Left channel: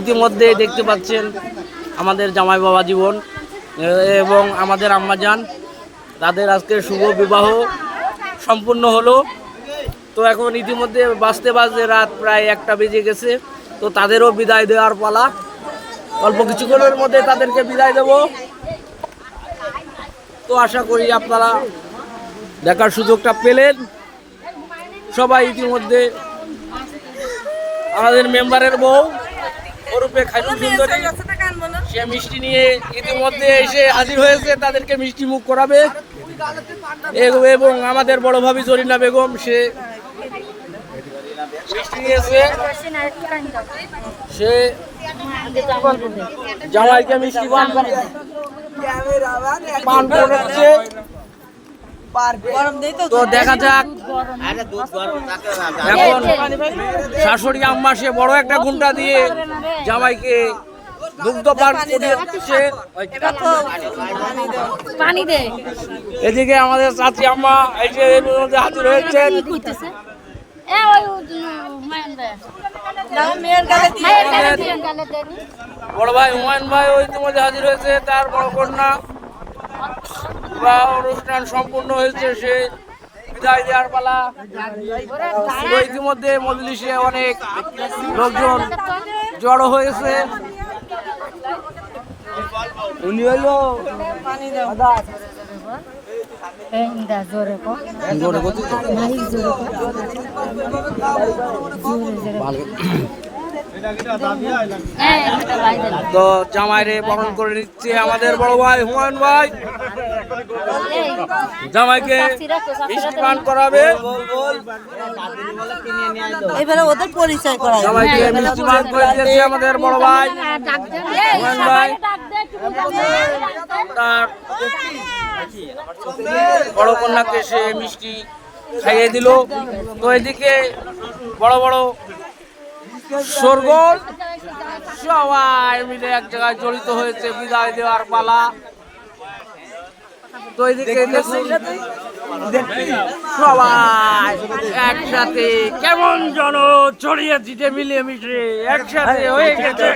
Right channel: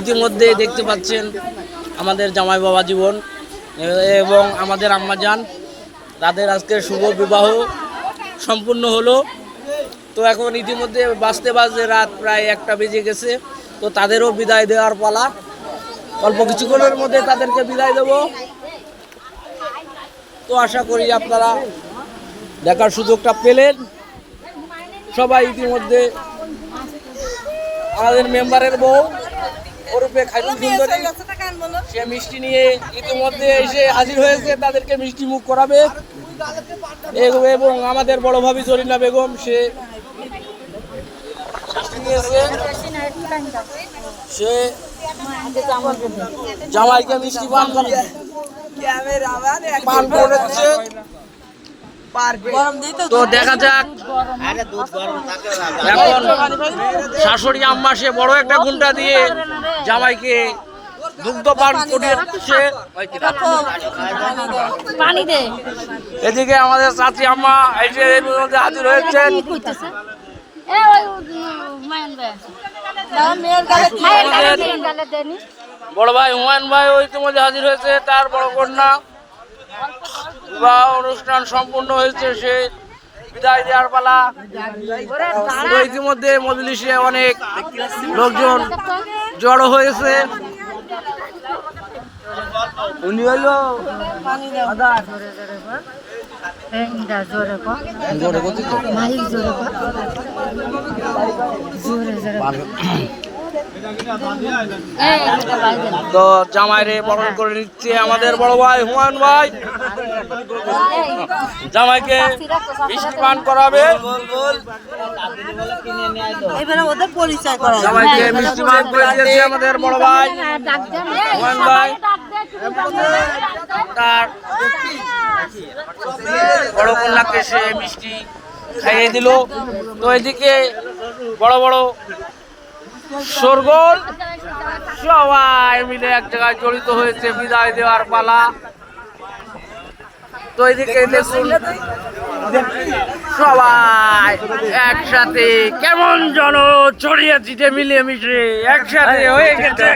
ইতিমধ্যে দেখতে পাচ্ছেন আমাদের জামাই বাবা জীবন এবং আমাদের আম্মাজান, তাদের আজকে শুভ বিবাহ সম্পূর্ণ হলো। তো এখন ইতিমধ্যে বাজতে বাজতে রাত প্রায় 1টা বেজে গেছে। তো তাদেরও বিদায় দেওয়ার পালা। অল্প কিছুক্ষণের মধ্যে তাদেরকে বিদায় দেব। তো আশা করি আপনারা দেখার সুযোগটা পেলেন। সবাই ইতিমধ্যে আমাদের মেম্বারের বউ ওরূপে খাইরুল সুন্দরী, সে মিষ্টি নিয়ে ইতিমধ্যে এসে হাজির হয়েছে, তাদেরকে মিষ্টি মুখ করাবে। এবং আমাদের বড় ভাবি জরিনা বেগম, সে সে জামাইকে মিষ্টি পান করেছে। তো দেখা যাক, এখন শাশুড়ি আম্মা সে বড় একটা ঘুমটা দিয়ে জামাইকে দুগ্ধ পান করিয়েছে। এদিকে আমাদের চাচি আম্মা এসে হাজির হয়েছেন। বড় ভাই হুমায়ুন ভাই ওই ইতিমধ্যে হাজির হয়েছে, তার বড় কন্যা। অনুষ্ঠান সম্পূর্ণ হয়েছে, সে বিদায় দেওয়ার পালা। ইতিমধ্যে মজলিসে অনেক লোকজন জড়ো হয়েছে। উনি হলো তো জামাইরে বরণ করে নিচ্ছে আমাদের বড় ভাই হুমায়ুন ভাই। জামাইকে মিষ্টি পান করাবে, ওদের পরিচয় করা। জামাইকে মিষ্টি পান করে দিয়েছে আমাদের বড় ভাই হুমায়ুন ভাই। তার বড় কন্যাকে সে মিষ্টি খাইয়ে দিল। তো এদিকে বড় বড় শোরগোল, সবাই মিলে এক জায়গায় জড়িত হয়েছে বিদায় দেওয়ার পালা। তো এদিকে দেখুন সবাই একসাথে কেমন যেন ছড়িয়ে ছিটে মিলিয়ে মিশে একসাথে হয়ে গেছে।